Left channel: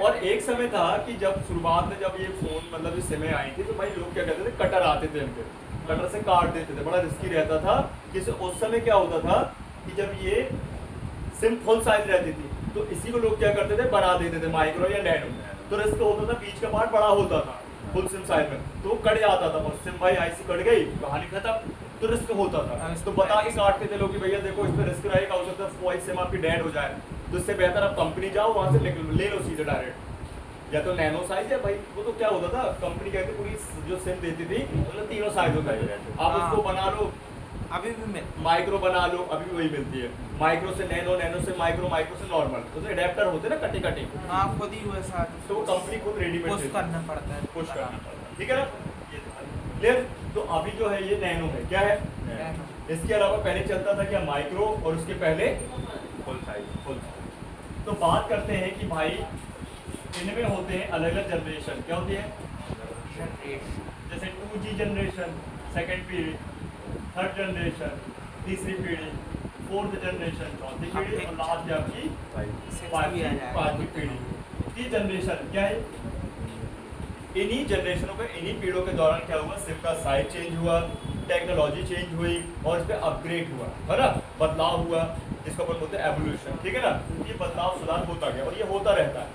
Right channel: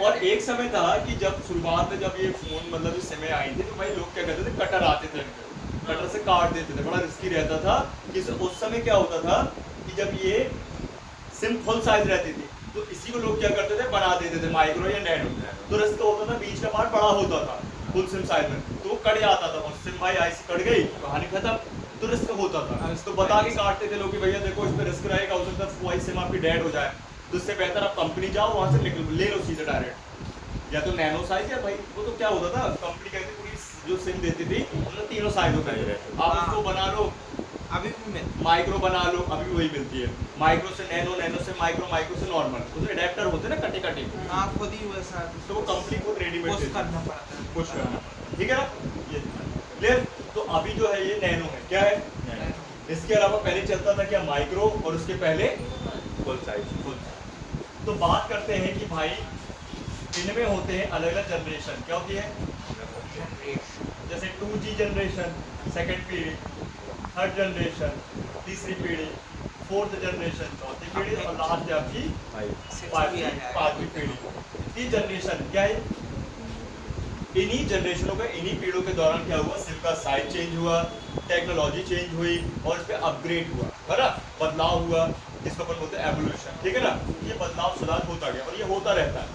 और एक समय था कि जब शुरुआत में जब ये फोन मतलब इस समय आई थी तो भाई लोग क्या कहते थे, कटर आते थे इनके, कटर से काट देते थे, बड़ा रिस्की रहता था। कि उस समय क्या होता था कि जब ये सिम फुल साइज रहती थी तो इसी को लोग क्या करते थे, बना देते थे माइक्रो या नैनो। तो रिस्क होता था, बीच का पार्ट बड़ा होता था फुल सिम साइज में, तो वो कट जाता था और सिम भाई ऐसी कट गई, कहानी खत्म। तो रिस्क होता था, तो बता के काटते थे लोग कि भैया देखो इसमें रिस्क रहेगा, हो सकता है वही सिम आपकी डेड हो जाए, तो इससे बेहतर आप कंपनी जाओ वहाँ से निकल ले लो सीधे डायरेक्ट, या तो नैनो साइज या भाई वो तो क्या होता था कंपनी कहती पूरी जो सिम देती थी उसमें तीनों साइज होता है, आप उसको बना लो, अभी भी मैं माइक्रो बना लो, अभी वही मिलती है, माइक्रो से नैनो, नैनो से माइक्रो, माइक्रो से नॉर्मल, उसमें अडेप्टर होते हैं ना कटे कटे, आप खुद ही वैसा तो वो कंपनी खुद रेडीमेड पुश करना पड़ता है, पुश करना पड़ता है, ठीक है ना, ये क्लियर। तो अभी जो है ये नैनो है, क्या है, इसके अलावा पहले चलता था क्या, माइक्रो, और उसके पहले फुल साइज। फुल। तो बात करते हैं कि भाई इनमें होते हैं अलग अलग जनरेशन, क्या होती है, जैसे 2G जनरेशन, सेकेंड पीढ़ी, थर्ड जनरेशन, तीसरी पीढ़ी, फोर्थ जनरेशन, चौथी पीढ़ी, और लास्ट आपकी पांचवी पीढ़ी। ये जनरेशन क्या है, इन्हीं जनरेशनों का, इन्हीं पीढ़ियों के दौरान क्या हुआ, सिम का साइज चेंज हुआ, टेक्नोलॉजी चेंज हुई और इस पर अपग्रेड हुआ, है ना, बदलाव हुआ, इसको अपन बोलते हैं एवोल्यूशन, ठीक है ना। ये बदलाव सुधार होता गया और ये होता रहता है,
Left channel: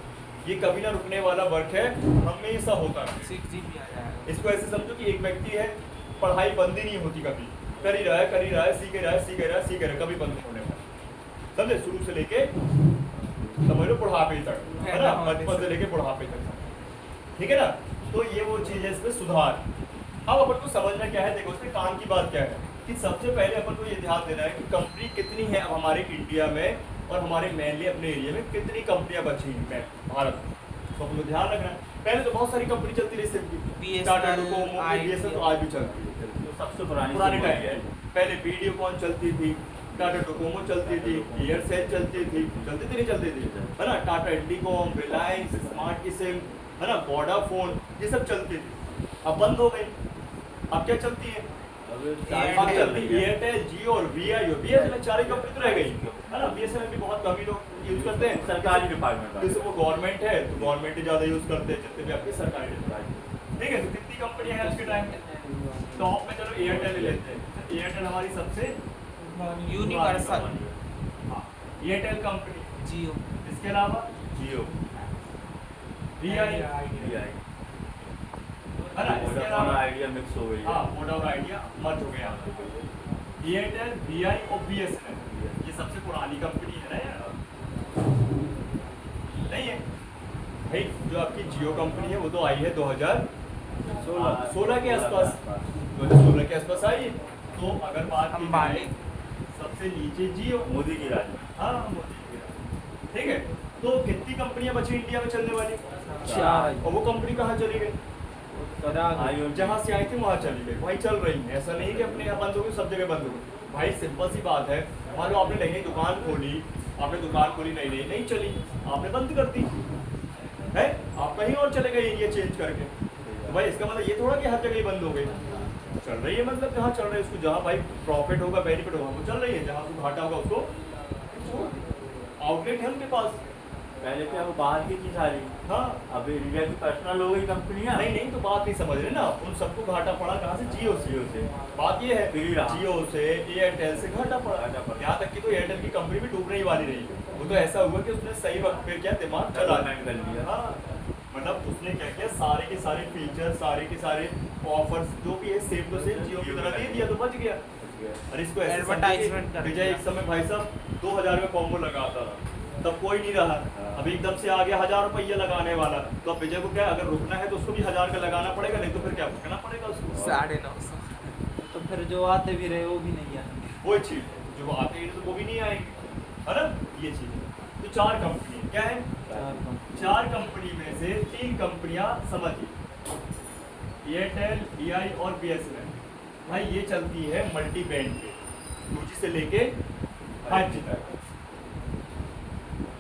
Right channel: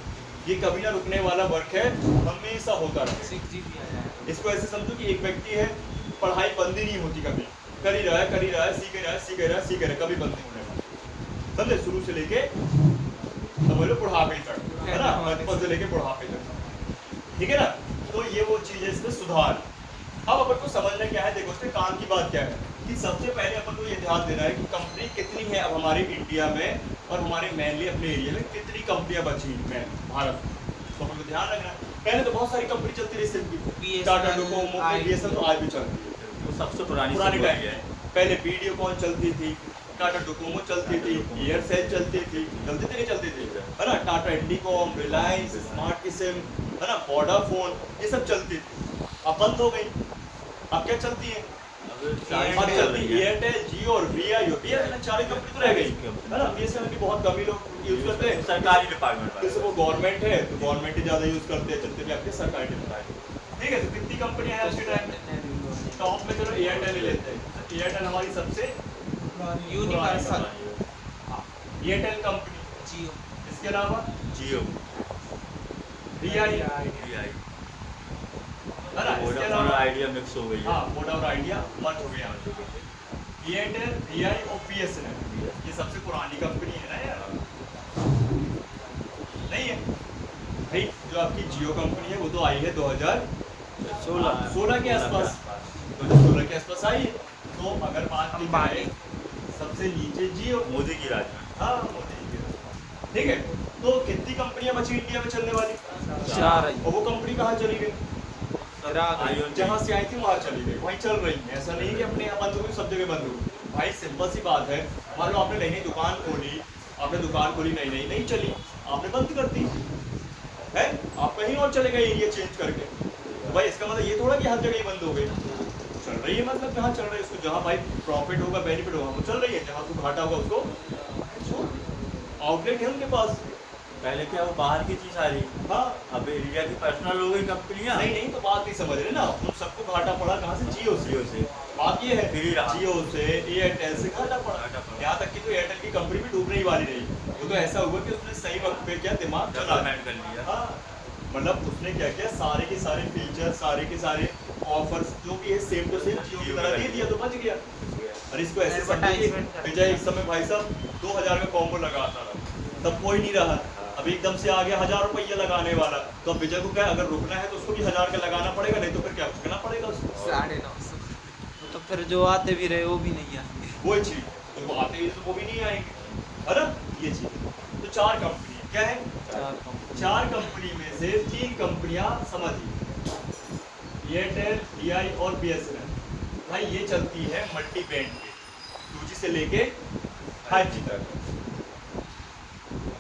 ये कभी ना रुकने वाला वर्क है, हमेशा होता रहता है। इसको ऐसे समझो कि एक व्यक्ति है, पढ़ाई बंद ही नहीं होती कभी, कर ही रहा है, कर ही रहा है, सीख ही रहा है, सीख ही रहा है, सीख ही रहा है, कभी बंद नहीं होने वाला, समझे, शुरू से लेके समझ लो बुढ़ापे तक, है ना, बचपन से लेके बुढ़ापे तक, ठीक है ना। तो ये वो चीज है, इसमें सुधार। अब अपन को समझना क्या है, देखो इसके काम की बात क्या है कि सबसे पहले अपन को ये ध्यान देना है कि कंपनी कितनी है अब हमारे इंडिया में, और हमारे मेनली अपने एरिया में कितनी कंपनियां बची हैं भारत, तो अपन को ध्यान रखना है। पहले तो बहुत सारी कंपनी चलती रही सिम की, टाटा डोकोमो, बीएसएनएल तो आज भी चलती है, वो सबसे पुरानी टाइम है। पहले वीडियोकॉन चलती थी, टाटा डोकोमो चलती थी, एयरसेल चलती थी नहीं चलती थी, है ना, टाटा इंडिकॉम, रिलायंस, स्मार्ट की सिम, है ना, वोडाफोन, ये सब चलती थी, अब बंद हो गई। अब क्या चलती है, अब चलती है एयरटेल, जियो और वीआई, बीएसएनएल, चार ही कंपनी तो रह गई, है ना। बीएसएनएल भी बहुत कम ही लोग यूज करते हैं, सरकारी डिपार्टमेंट, जैसे वो गवर्नमेंट है तो गवर्नमेंट ही ज्यादा यूज करते हैं, जितने भी आपके सरकारी डिपार्टमेंट, ठीक है। तो कितनी कंपनियां हैं आज के टाइम में, टॉप में चलो एयरटेल ही लेते हैं, तो एयरटेल हमारी सबसे यूनिवर्सल, एयरटेल कंपनी, जियो, इसके अलावा जियो, वीआई, है ना, इसके अलावा आइडिया मिक्स हो गई है। हाँ, वोडाफोन आइडिया मर्ज हो गया, एयरटेल, वीआई और बीएसएनएल, ये सबसे पुरानी कंपनी है ना यार, नहीं है भाई। जो आपकी जियो कंपनी है वो तो आई है 2016 के आसपास, 2016 के आसपास आई है। तो अगर बात की जाए सबसे नीचे जियो, मोदी की राज में। हाँ मोदी की, ठीक है। तो कितनी कंपनियां बची इंडिया में चलने वाली, चार, और वो कंपनी कहाँ चली गई, जहाँ से आई थी वहाँ चली गई, वहीं चल रही है। ऐसा नहीं कि अपने यहाँ बंद हो गई, सब जगह बंद हो गई भाई, सिंपल सी बात है। मान लो आपने नई नई दुकान खोली, नई नई नहीं चली, आपने बंद कर दी है, आप कहीं और चले गए एरिया चेंज करके, तो भाई इसका मतलब ये थोड़ा कि हर जगह ही बंद हो गई, चल रही है, मतलब जहाँ चल रही है उसको, जहाँ भाई प्रॉफिट होगा, बेनिफिट होगा वो चल रही है, जहाँ उसको घाटा होगा उसको आउटलेट है उनके पास। पहले क्या वो बाहर की चीज आ रही, हाँ, अब इंडिया की पर्सनल हो गई कंपनियां। नहीं तो बात नहीं समझ रहे ना, उन सबको घाटा पड़ा कहाँ से, जियो से। बात ये है जियो से, एयरटेल से घाटा पड़ा, यहाँ तक कि तो एयरटेल की कंपनी भी डूबने ही वाली नहीं, वो तो ऐसा हुआ कि उसने सही वक्त पे क्या दिमाग चला कर लिया। हाँ, मतलब उसने क्या किया, सारे के सारे फीचर, सारे के सारे ऑफर्स जो भी है सेम टू सेम जियो की तरह दे दिया, तो बच गया। और इसको ऐसे Advertisement विजय एक समय भाई साहब 2000 का कॉम्बो लगाता रहा, तब कोई नहीं रहा, अभी एकदम से आ गया 1000 रुपये लगाने वाला, तो अब विजय को क्या, अगर रुकना है तो उसको भी 1000 का लगाना पड़ेगा, नहीं तो फिर क्या रुकना पड़ेगा उसको। 950, तो फिर जो आते भी रहे वो भी नहीं आएंगे, वही चीज है, जो आते हैं तो वो भी नहीं आएंगे, है ना, ये चीज। तो चार कंपनी क्या है, चार कंपनी में से तीन कंपनियां समझिए, एयरटेल, वीआई और बीएसएनएल, भाई ये चलती है मल्टी बैंड पे, 2G से लेके 5G तक,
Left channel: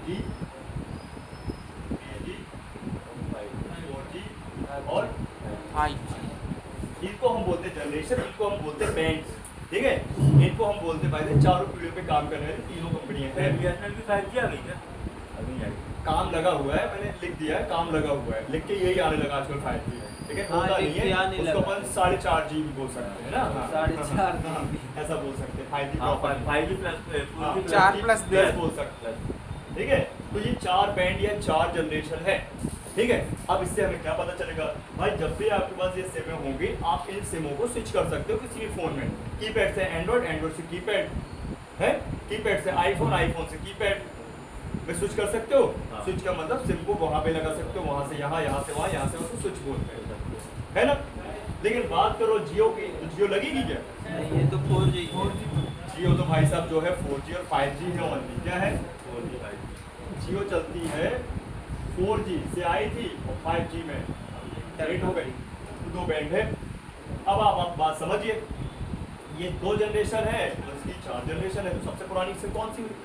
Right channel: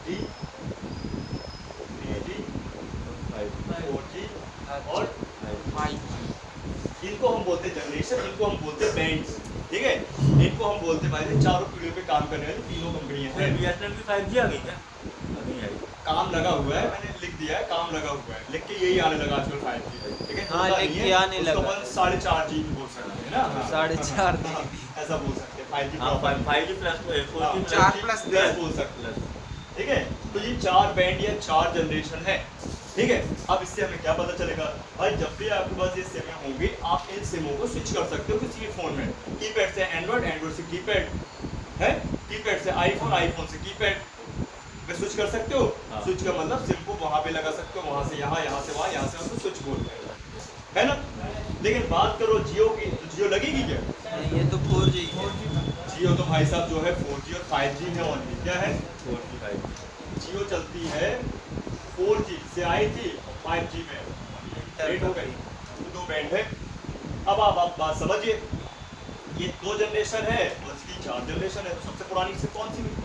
3G, 4G और 5G, इनको हम बोलते हैं जनरेशन, इनको हम बोलते हैं बैंड्स, ठीक है। इनको हम बोलते हैं भाई चारों पीढ़ियों पे काम करने वाली तीनों कंपनियां हैं। बीएसएनएल की 5G आ गई क्या? अभी नहीं आई। काम लगा हुआ है, मैंने लिख दिया है काम लगा हुआ है, लिख के यही आने लगा आजकल 5G, ठीक है। हाँ, होता लिख नहीं के है, आने उसको लगा। अपन 4.5 GB बोल सकते हैं ना, हाँ। 4.5 हाँ, GB। ऐसा बोल सकते हैं 5G हाँ, proper 5G plus 4G plus 4 plus plus बोल सकते हैं, ठीक है। तो ये 4 बैंड या 4 जनरेशन है, ठीक है। अब इससे हमें क्या पता चलेगा भाई, जब भी आपके पास ये सिम होंगी आप इन सिमों को स्विच कर सकते हो किसी के फोन में, कीपैड से एंड्रॉइड, एंड्रॉइड से कीपैड है, कीपैड से आईफोन, आईफोन से कीपैड में स्विच कर सकते हो। हाँ। स्विच का मतलब सिम को वहां पे लगा सकते हो, वहां से यहाँ, यहाँ से वहां, यहाँ से उसको स्विच बोलते हैं, है ना। लेकिन बात करो जियो की, तो जियो लगेगी क्या? ये तो 4G। जियो तो भाई साहब जो है 4G और 5G है ओनली, क्या है? 4G 5G। जियो चलती है 4G से आई थी और 5G में लेट हो गई, तो 2 बैंड है। अब आप बात समझिए, ये 2 जनरेशन है और इसकी 4 जनरेशन है, तो सबसे पुरानी सिम कौन सी हुई?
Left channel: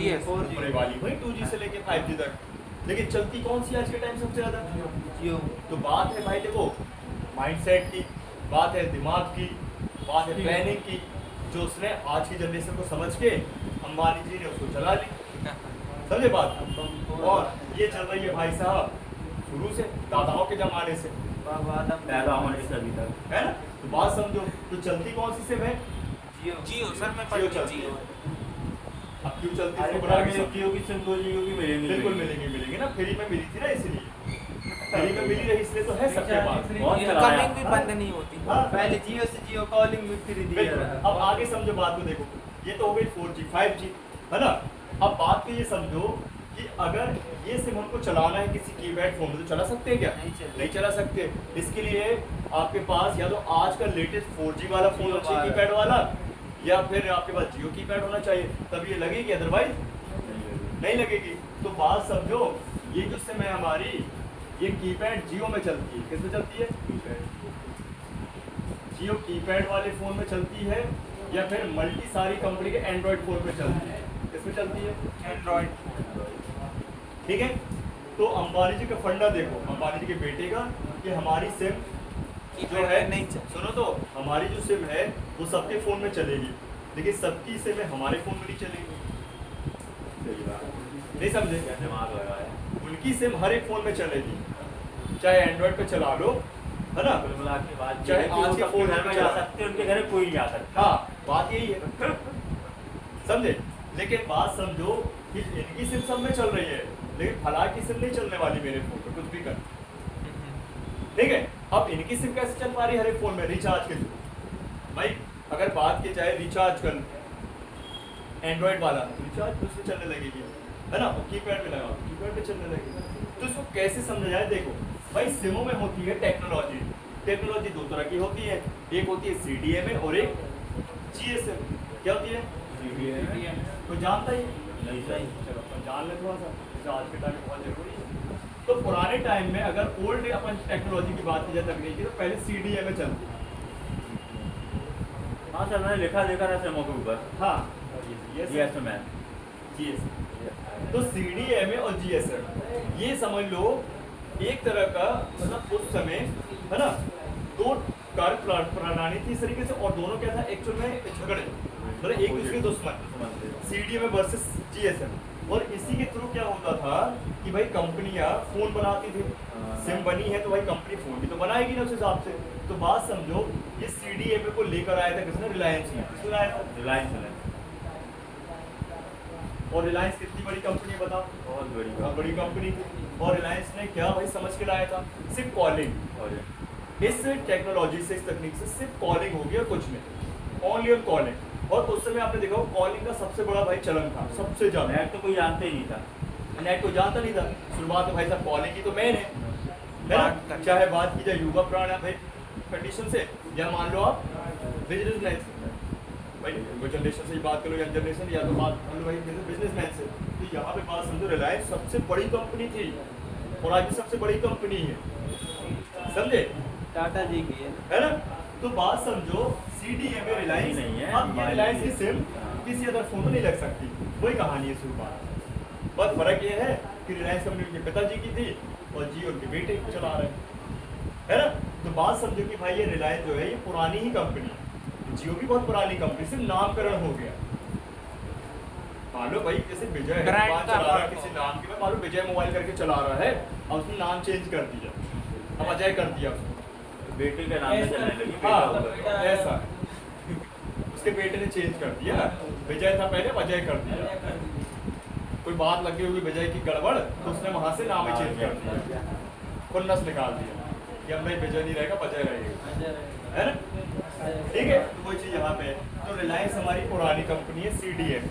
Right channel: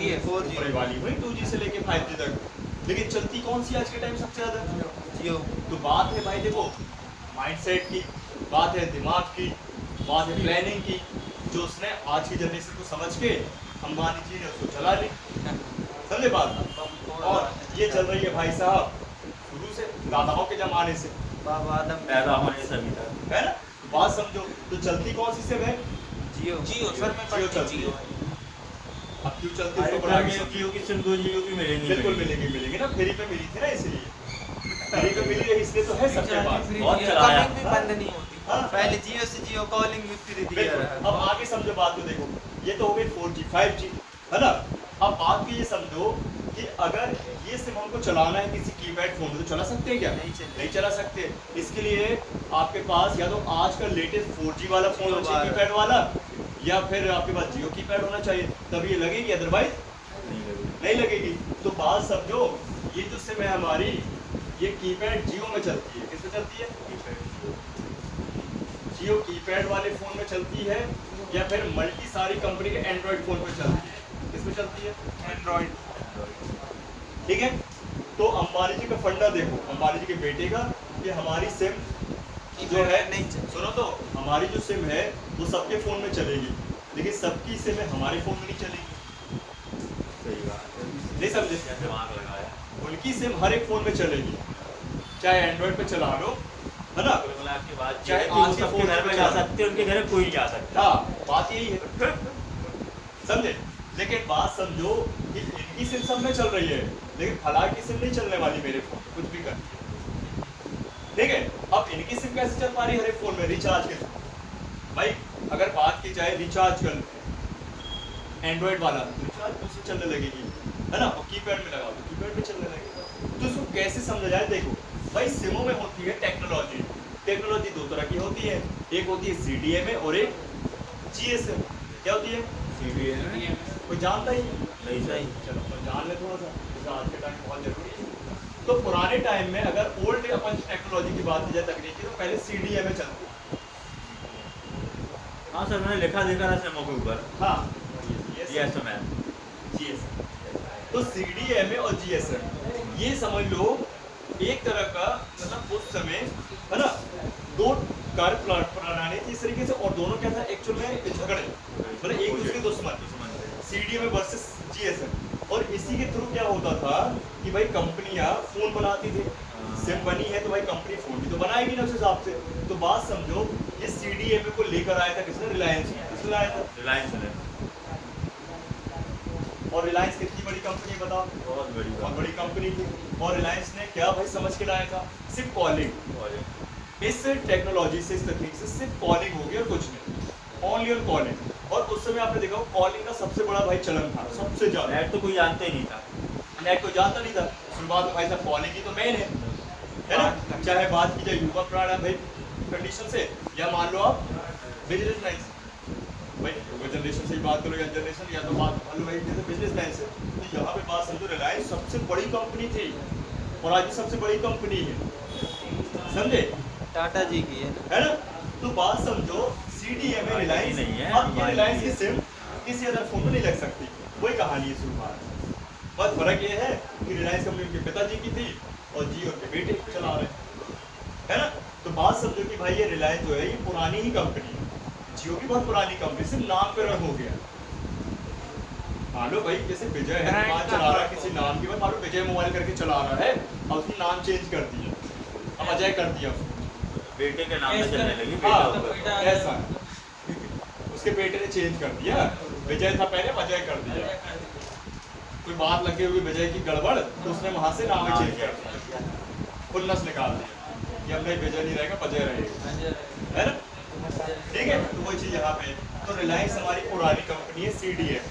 ये 4G। ऊपरी वाली वही 2G से लेके 5G तक। लेकिन चलती कौन सी आज के टाइम सबसे ज्यादा? जियो। तो बात है भाई देखो माइंडसेट की, बात है दिमाग की, बात है प्लानिंग की, जो उसने आज की जनरेशन को समझ के अंबानी जी ने उसको चला ली, समझे बात। और ये चल रही है भाई साहब शुरू से, दादाओं के जमाने से, बाबा आदम पहला हमारे सभी था। है ना। तो बात समझो, तो चलती कौन सी सिम है? जियो। जियो सर में जियो चलती है। अब क्यों चलती है उसको बना के सब जियो की सिम 2 GB की मिलेंगी। बिल्कुल मिलेंगी ना, फ्री में मिली थी ना, इसलिए फ्री में मिली रही, इसलिए तो है सबके पास। बहुत चलाया। कमिंग भी बंद नहीं होती। हाँ। पहले जियो से जियो कॉलिंग भी फ्री दिया बिल्कुल। रहा। अब आगे समझो बात को, देखो ये तो हो गई 4G 5G, है ना। अब बात को ये समझो कि अगर ये सिम हमको चलाना है किसी कीपैड फोन में, तो चला सकते हैं क्या? नहीं चला सकते। इसके लिए आपके पास या तो आज का लेटेस्ट 4G वाला फोन होना चाहिए कीपैड वाला, या फिर आपके पास जियो कीपैड होना चाहिए, तब ये लगेगी, अदरवाइज नहीं लगेगी। तो बात समझो, ये जो सिम है हमारी, ये कीपैड जियो में चलती है, किसमें चलती है? जियो कीपैड वाले फोन में चलती है, या फिर मल्टी सारी कंपनी के एंड्रॉइड फोन पे चलती है, किसमें चलती है? एंड्रॉइड। ठीक है। तो अंबानी जी का फंडा देखो, अंबानी जी के बेटे का, कि हमारी सिम जो है, नहीं चल। सुनो तो, हमारी जो सिम है वो सबके फोन में चलेगी, लेकिन सबकी सिम हमारे फोन में नहीं चलेगी, सही बात है। नहीं समझे? दिमाग लगाया। उनकी सिम हर एक फोन में चलेगी, चाहे एंड्रॉइड पे चला लो, है ना। कुल मिला के बाद चाहे ये है कि आज वो के सबके फोन घर में में चला जा सकते हैं, उनके घर में कोई नहीं जा सकता। हाँ, बात यही है, समझे। लेकिन बात समझो कि इनकी सिम सब में चल रही है, लेकिन फला की सिम नहीं चलने वाली मेरे फोन पे, कुछ भी कर, ठीक है। अब इनकी सिम कैसे चल पा रही है हर एक फोन में? रिचार्ज के थ्रू। भाई अगर बात की जाए रिचार्ज कर एंड्रॉइड वाला, रिचार्ज तो उससे चलने लगेगी, है ना। और कीपैड में लगाओ तो कीपैड में चलने लगेगी। तो इसको कैसे समझा जाए? देखो भाई, सिमों में होती है टेक्नोलॉजी। टेक्नोलॉजी 2 तरह की होती है, एक होती है CDMA और एक GSM। क्या होती है? कोई जानता ही नहीं सर। चलो अपन जान ले थोड़ा सा, जैसे आज के टाइम में बहुत जरूरी है। तो पुराने टाइम में अगर ओल्ड अपन टेक्नोलॉजी की बात की जाए, तकनीकी, तो पहले CDMA चलती। हाँ सर, मैंने लिखा देखा था सिमों के ऊपर। हाँ, GSM। GSM। तो CDMA और GSM ये समझ लो एक तरह का, मतलब उस समय, है ना, 2 कार्य प्रणाली थी इस तरीके से, और दोनों क्या था एक्चुअल में झगड़े, मतलब एक दूसरे के दुश्मन, CDMA वर्सेस GSM। और इसी के थ्रू क्या होता था कि भाई कंपनियां फोन बनाती थी, सिम बनी है तो भाई कंपनी फोन भी तो बनाएगी ना उस हिसाब से। तो बात समझो, ये CDMA को लेकर आया था किसने? रिलायंस ने। किसने लाया था? रिलायंस ने। और रिलायंस कितनी बड़ी कंपनी है बताओ? बहुत बड़ी कंपनी थी। और रिलायंस ने क्या भाई समझ के लाया था? सिर्फ कॉलिंग। और इस टेक्नोलॉजी से, इस तकनीक से सिर्फ कॉलिंग होगी और कुछ नहीं, ओनली ऑन कॉलिंग। और उस समय आपने देखा कॉलिंग का सबसे बड़ा भाई चलन था, सबसे ज्यादा। नेट तो कोई जानते ही नहीं था। नेट को जानता नहीं था शुरुआत में भाई साहब, कॉलिंग ही तो मेन है ना। चाहे बात की जाए युवा प्राण भाई कंडीशन से, या मान लो आप बिजनेसमैन से, भाई युवा जनरेशन से ही बात करो या जनरेशन, या तो बात मान लो भाई बिजनेसमैन से। तो यहाँ पे बात समझो, रिलायंस सबसे बड़ी कंपनी थी और आज भी सबसे बड़ी कंपनी है, समझे। टाटा जी भी है ना। तो बात समझो, CDMA रिलायंस नहीं है। अब ये रिलायंस की सिम किसी अदर फोन में नहीं लग सकती, वही कहानी है शुरुआत। बस फर्क ये है कि रिलायंस कंपनी उनके पिताजी की थी और जियो उनके बेटे चला रहे हैं, है ना। तो बात समझो कि भाई ये रिलायंस जो है ये पुरानी ही कंपनी है, जियो भी बहुत पुरानी कंपनी, सिर्फ नामकरण हो गया, मान लो भाई जैसे विजय है, Brand दुकान का चला रहा है है। किसी नाम की, मैं मान लो विजय मोबाइल करके चला रहा है और उसने नाम चेंज कर दिया, अब अजय कर दिया उसने। बेटे के नाम में चलने लगी हाँ बेटा होगा। ऐसा है। उसके बेटे ने चेंज कर दिया, विजय था पहले, अब अजय कर दिया। कोई बात लगी हुई विजय की गड़बड़, तो उसने वहां से नाम ही चेंज कर दिया, खुन्नस निकाल दिया कि अब नहीं विजय नहीं रहेगा, अजय रहेगा, है ना? ठीक है, तो वही चीज यहाँ पे है। तो रिलायंस हमारी पुरानी कंपनी है, CDF।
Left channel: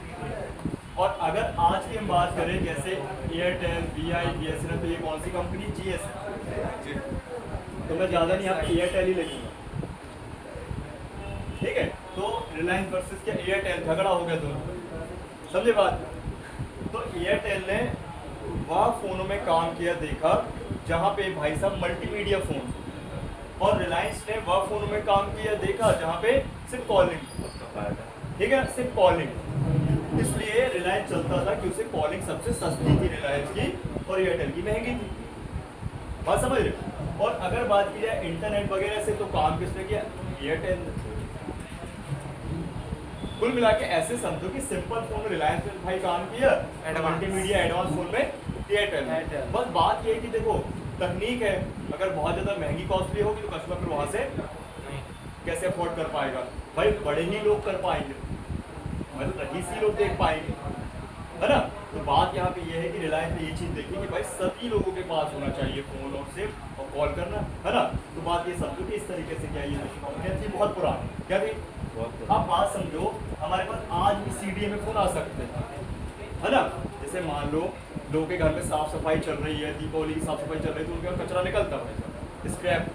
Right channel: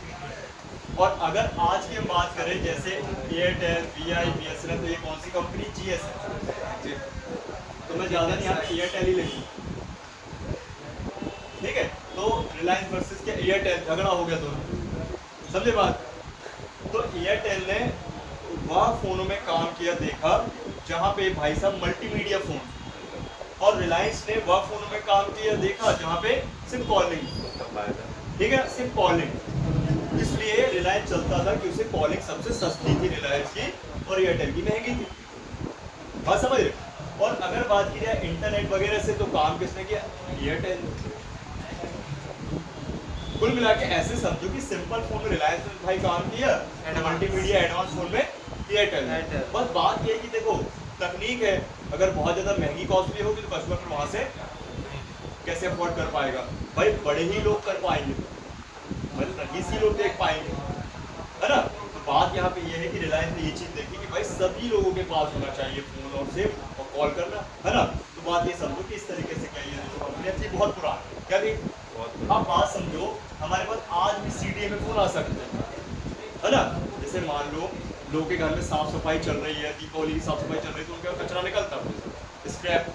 और अगर आज की हम बात करें जैसे एयरटेल, VI, BSNL, तो ये कौन सी कंपनी? GSM। तो मैं ज्यादा नहीं यहाँ पे एयरटेल ही लिखूंगा, ठीक है? तो रिलायंस वर्सेस क्या एयरटेल, झगड़ा हो गया दोनों, समझे बात? तो एयरटेल ने वह फोनों में काम किया देखा जहां पे भाई साहब मल्टीमीडिया फोन, और रिलायंस ने वह फोनों में काम किया देखा जहां पे सिर्फ कॉलिंग, ठीक है, सिर्फ कॉलिंग। इसलिए रिलायंस चलता था कि उसे कॉलिंग सबसे सस्ती थी रिलायंस की, और एयरटेल की महंगी थी। बात समझ रहे? और अगर बात की जाए इंटरनेट वगैरह से, तो काम किसने किया? एयरटेल ने। कुल मिला के ऐसे समझो कि सिंपल फोन में रिलायंस ने भाई काम किया, एंड मल्टीमीडिया एडवांस फोन में एयरटेल ने। बस बात ये है कि देखो तकनीक है, अगर बहुत ज्यादा महंगी कॉस्टली होगी तो कस्टमर फिर वहां से कैसे अफोर्ड कर पाएगा? भाई बड़े ही लोग कर पाएंगे, मतलब रईस ही लोग देख पाएंगे, है ना? तो बात यहाँ पे ये है कि रिलायंस ने ये चीज देखी कि भाई सभी लोगों के पास होना चाहिए फोन और सिम और कॉल करना, है ना? तो बात ये समझो कि इस तरीके से क्या ये जो कंपनी थी बहुत पुरानी, क्या थी? अब बात समझो, हमारे पास आज भी CDA में फोन आ सकते हैं, है ना? जैसे मान लो लोगों के घर में साफ सफाई चल रही है, दीपावली की साफ सफाई चल रही है, तो उनके यहाँ कचरा निकलता है, स्क्रैप,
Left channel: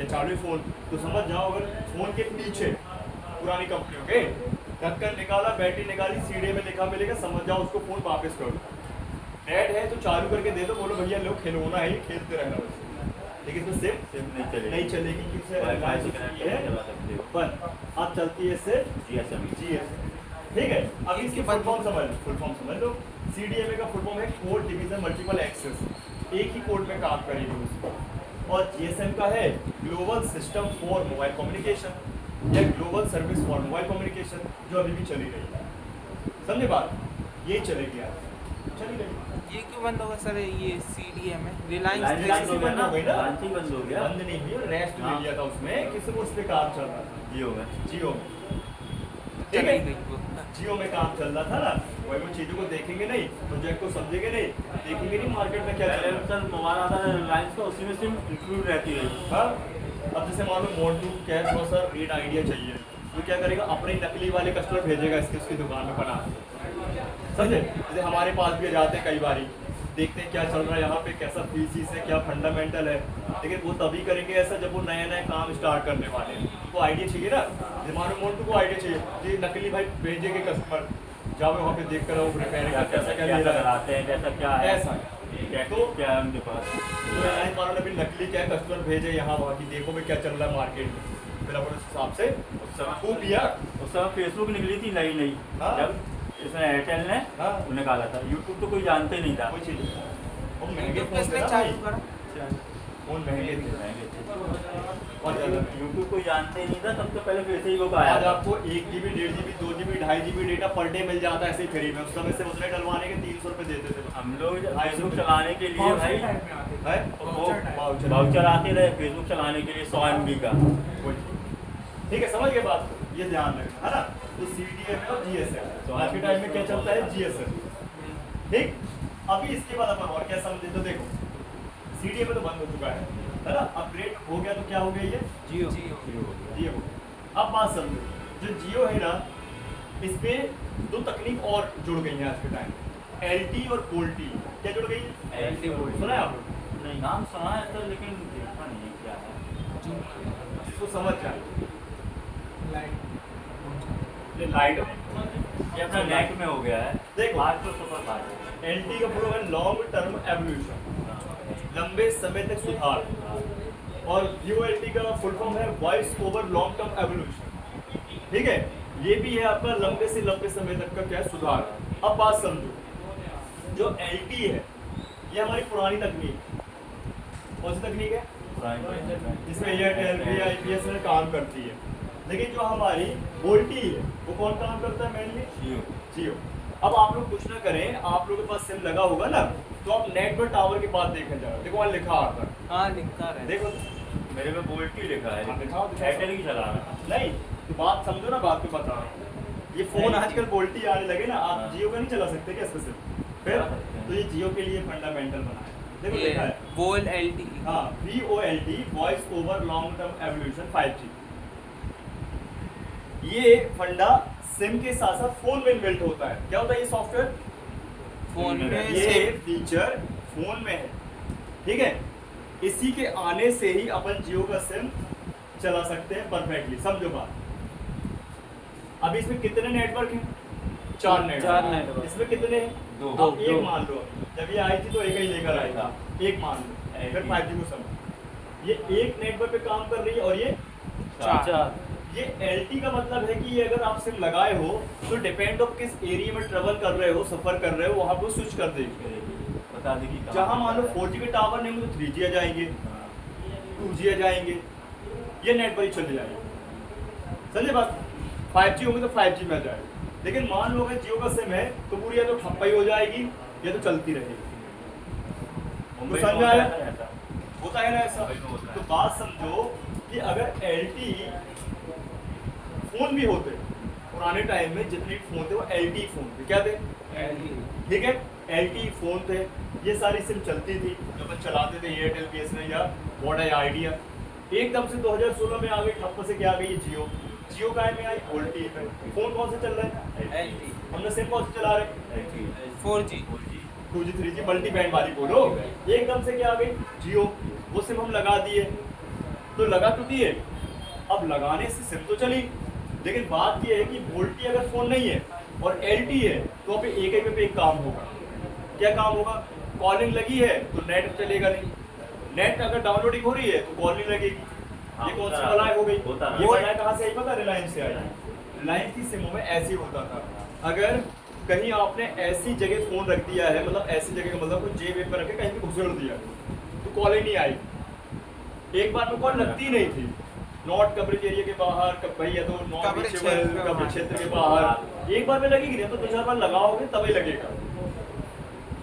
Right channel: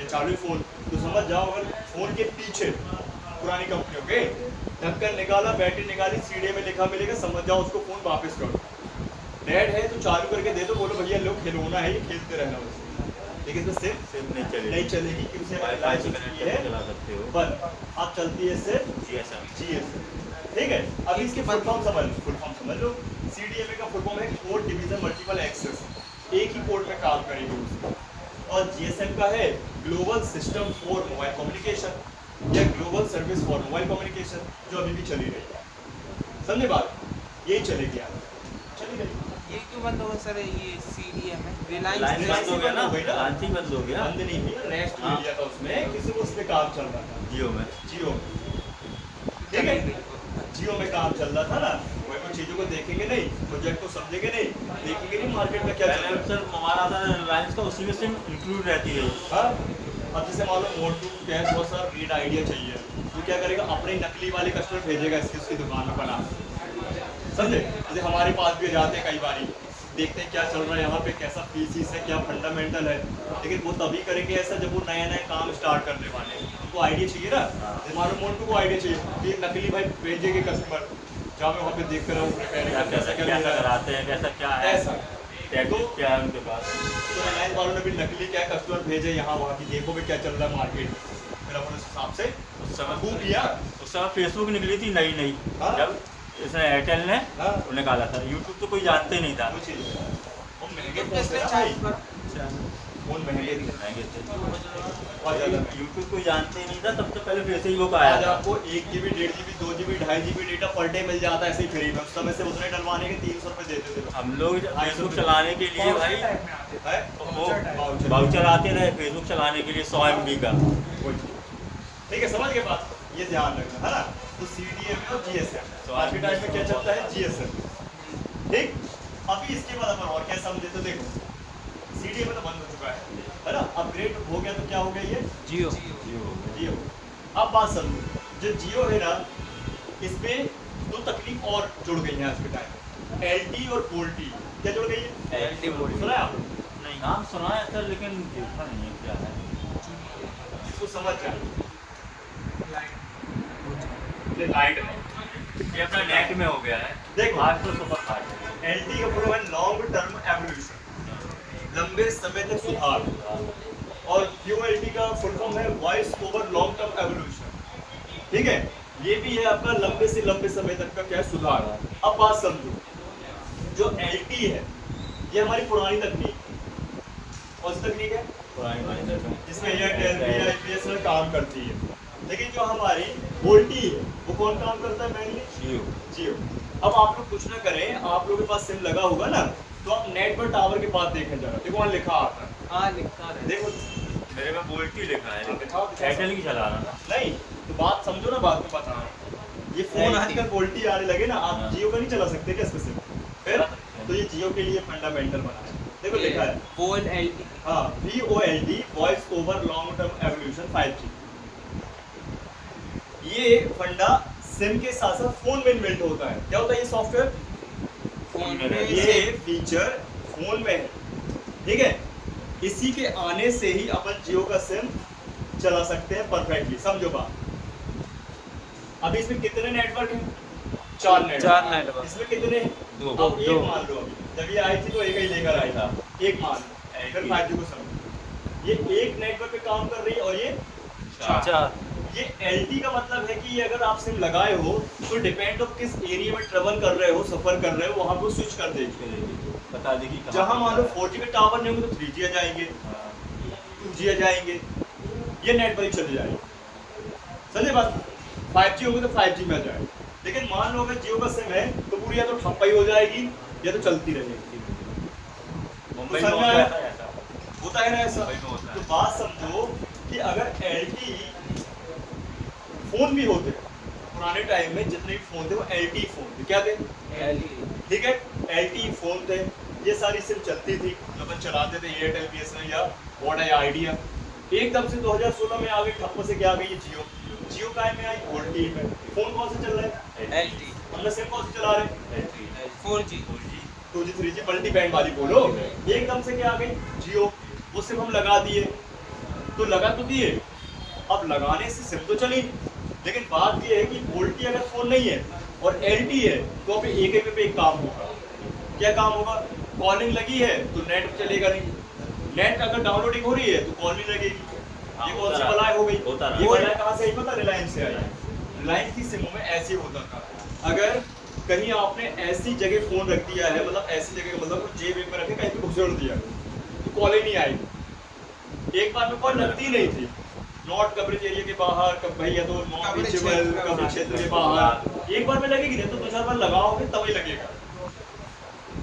ये चालू फोन, तो समझ जाओ अगर फोन के पीछे पुरानी कंपनियों के ढक्कन निकाला, बैटरी निकाली, CDA में लिखा मिलेगा, समझ जाओ उसको फोन वापस करो। डेड है तो चालू करके दे दो, बोलो भैया लो खिलौना है, ये खेलते रहना बस। लेकिन इसमें सिर्फ नहीं चलेगी कि उसे वाईफाई से कनेक्ट है, करके चला सकते हो। पर अब चलती है सिर्फ GSM। ठीक है? अभी इसकी फुल फॉर्म समझ लो, फुल फॉर्म समझ लो। CDMA का फुल फॉर्म है कोड डिवीजन मल्टीपल एक्सेस, एक ही कोड में काम करेगी उसको। और GSM का है global system for mobile communication या global service for mobile communication, जो अभी भी चली रही है, समझे बात? यही चलेगी यार, चली रही। ये क्यों बंद होगा सर? ये CDM है, रिलायंस रिलायंस बंद हो गया ना, हो गई ना? रिलायंस ही बंद हो गया। बंद नहीं हुई, रेस्ट ले लिया था उसमें, किसी को उस पे काम चल रहा था, जियो में। जियो में, ठीक है? जियो में काम चल रहा था ना, वही वो चीजों को देखेंगे नहीं, प्रोजेक्ट को समझेंगे नहीं, देखेंगे नहीं मार्केट में क्या चल रहा है। सर मोबाइल आता है रिलायंस का, उसी में सिम इंक्लूड रहती है। हाँ, अब जैसे मान लो मोटू क्या थोड़ा सा रीड आइडिया चाहिए, तो क्या करेगा? अपनी नकली वाले कस्टमर भेजेगा इसकी उसकी दुकान में बना, समझे? जैसे हमारे पास भी जाते हैं कई बारी, देखते हैं क्या चल रहा है यहाँ पे, कैसा फीसिस है, क्या फंडामेंटल है, लेकिन वो तभी करेंगे ऐसा जब वो नया नया काम स्टार्ट करने वाले हैं, उनको आइडिया चाहिए ना। जैसे मान लो मोटू को आइडिया चाहिए कि नकली भाई भेजेंगे कस्टमर, जहाँ मैं वहाँ पे देख कर रहा हूँ रिपेयरिंग का कैसा क्या ले रहा है, कराते हैं, कैसा क्या है, ऐसा तो क्या है उनके पास। तो रिलायंस वालों ने भी नकली क्या कस्टमर भेजे यहाँ वहाँ की, देखो भी क्या चल रहा है मार्केट में, फिर अपन उस हिसाब से खूब लिया। उस समय फेसबुक निकली थी नई नई, हाँ। जब इसने एयरटेल ने हाँ। निकाला था। यूट्यूब तो कोई जानते नहीं था। कोई चीज नहीं। वो महंगे तो फोन थे इसमें ना चार्ज भाई, करो। फोन महंगे थे, महंगे थे, बहुत ज्यादा महंगे। यूट्यूब कोई जानते ही नहीं था। सबसे पहले फेसबुक आज आया था। आपको 1 GB 1.5 GB 2 GB 2.5 GB data per day meal जाता है ऐसे ही फ्री में। उस समय से उतने डलवाने के 300 रुपए देते थे लोग। हम लोग फेसबुक चलाने के लिए भाई है? वाउचर। वाउचर आते रहे फेसबुक चलाने के लिए 100 MB का। वही चीज। ठीक है, समझ गए बात? ये ध्यान रखना है ना। तो CDMA और GSM आज के टाइम में क्या चलता है? GSM। ठीक, अभी इसके बाद अपन और क्या समझे तो देखो, CDMA तो बंद हो चुका है ना, अपग्रेड हो गया तो क्या हो गया ये जियो। जियो। अब बात समझो, जो जियो है ना, इसमें 2 तकनीक और जुड़ गई हैं आज के टाइम, LTE और VoLTE। क्या जुड़ गई है? LTE VoLTE। सुना है आप लोग? नहीं, नाम सुना है सर, लेकिन देखा नहीं है क्या है। इसको समझ जाए, ये लाइट है, ये अपना नेट में हो गया है। देखो। आज तो सुपर फास्ट है। LTE का फुल है लॉन्ग टर्म एवोल्यूशन, लंबे समय तक सुधार। और VoLTE का फुल फॉर्म है voice over long term evolution. ठीक है, ये भी है आपका लंबे से लंबे समय तक का क्या है? सुधार। अब बात समझो, जो LTE है ये हमारी पुरानी तकनीक, कौन सी तकनीक है? जिसमें एयरटेल, VI, BSNL काम करती है। लेकिन जो हमारी VoLTE है वो कौन काम करता है? मेनली जियो। जियो। अब आप लोग कुछ ना करें, आप लोगों के पास सिम लगा होगा ना, तो आप नेट पर टावर के पास देखें जरा, देखो वहाँ लिखा आता है, हाँ लिखता है। देखो मेरे में पोल्ट्री लिखा है, हाँ, दिखाओ, दिखाओ। एयरटेल की चला रहा था। नहीं, तो बात समझो ना, बात में बता रहा हूँ। ये फोन आजकल वोल्टी आने लगे ना, आप हाँ। जियो का नहीं चला सकते क्या इसमें सिम? फिर चला सकते हैं। तो ये जियो के लिए फंडामेंटल बना है, देखो ये लिखा है VoLTE। हाँ, VoLTE voice over long term evolution 5G। ये फंडा सिम के साथ साथ फोन में इनबिल्ट होता है। क्या होता है ये सॉफ्टवेयर? फोन में ये फीचर फोन में है, ठीक है। इसी के आने से ही अपन जियो का सिम चला सकते हैं परफेक्टली, समझो बात। अभी इसमें कितने नेटवर्क हैं? 4 नेटवर्क। इसमें कितने हैं? दो। अब एक मान लो, अभी जब ये आई थी तो एक ही लेकर आई था, एक मान लो, फिर 5G को समझो। ये एक नेटवर्क पे काम कर रही है और ये 4। ये LT का मतलब है कि अगर आप सिम लगाए हो तो डिपेंड ऑफ किस एरिया में ट्रेवल कर रहे हो, सफर कर रहे हो, वहां पर स्विच कर देगी। बता देगी कहाँ जहां पे। मान लो 4G के टावर नहीं होंगे तो 3G आ जाएंगे, हाँ। 2G आ जाएंगे, ये नेट पर ही चले जाएंगे, समझे बात। 5G होंगे तो 5G में आ जाएगा। लेकिन मान लो अगर जियो का सिम है तो पूरी या तो ठप्पा ही हो जाएगी या तो चलती रहेगी। मुंबई तो में समझ होता आया? है ऐसा। होता है ना ऐसा। मुंबई में होता है। तो बात समझो कि अगर LT फोन भी होते, पुराने टाइम में जितने भी फोन थे वो LT फोन थे, क्या थे? ठीक है, LT फोन थे, ये सारी सिम चलती थी, जो अपन चलाते थे एयरटेल, BSNL या वोडा या आइडिया। एकदम से 2016 में आ गई, ठप्प से क्या आ गई? ये जियो। जियो का में आई, वोल्टी में। फोन कौन सा चल रहा है? LT। हमने सिम कौन सा चला रहे हैं? 4G। 2G 3G multi band वाली बोलो। एकदम से क्या आ गई? जियो। वो सिम हम लगा दिए, तो लगा तो दिए, अब लगाने से सिम तो चली, लेकिन बात ये है कि वोल्टी अगर फोन नहीं है और LT है तो अभी एक ही पे एक काम होगा। क्या काम होगा? कॉलिंग लगी है तो नेट चलेगा नहीं, नेट अगर डाउनलोडिंग हो रही है तो कॉल नहीं लगेगी। ये कौन सी बलाई हो गई? ये बलाई कहाँ से आई पता? रिलायंस से आई है। रिलायंस की सिमों में ऐसे होता था, अगर कहीं आपने ऐसी जगह फोन रख दिया है, मतलब ऐसी जगह मतलब कुछ जेब में रखे कहीं पे घुसेड़ दिया तो कॉल ही नहीं आएगी। एक बार में कॉल लगती नहीं थी, नॉट कवरेज एरिया के बाहर, भैया तो नॉट रीचेबल कवरेज क्षेत्र के बाहर। एक बार में लगेगी नहीं तो 2-4 बार लगाओगे तभी लगेगा,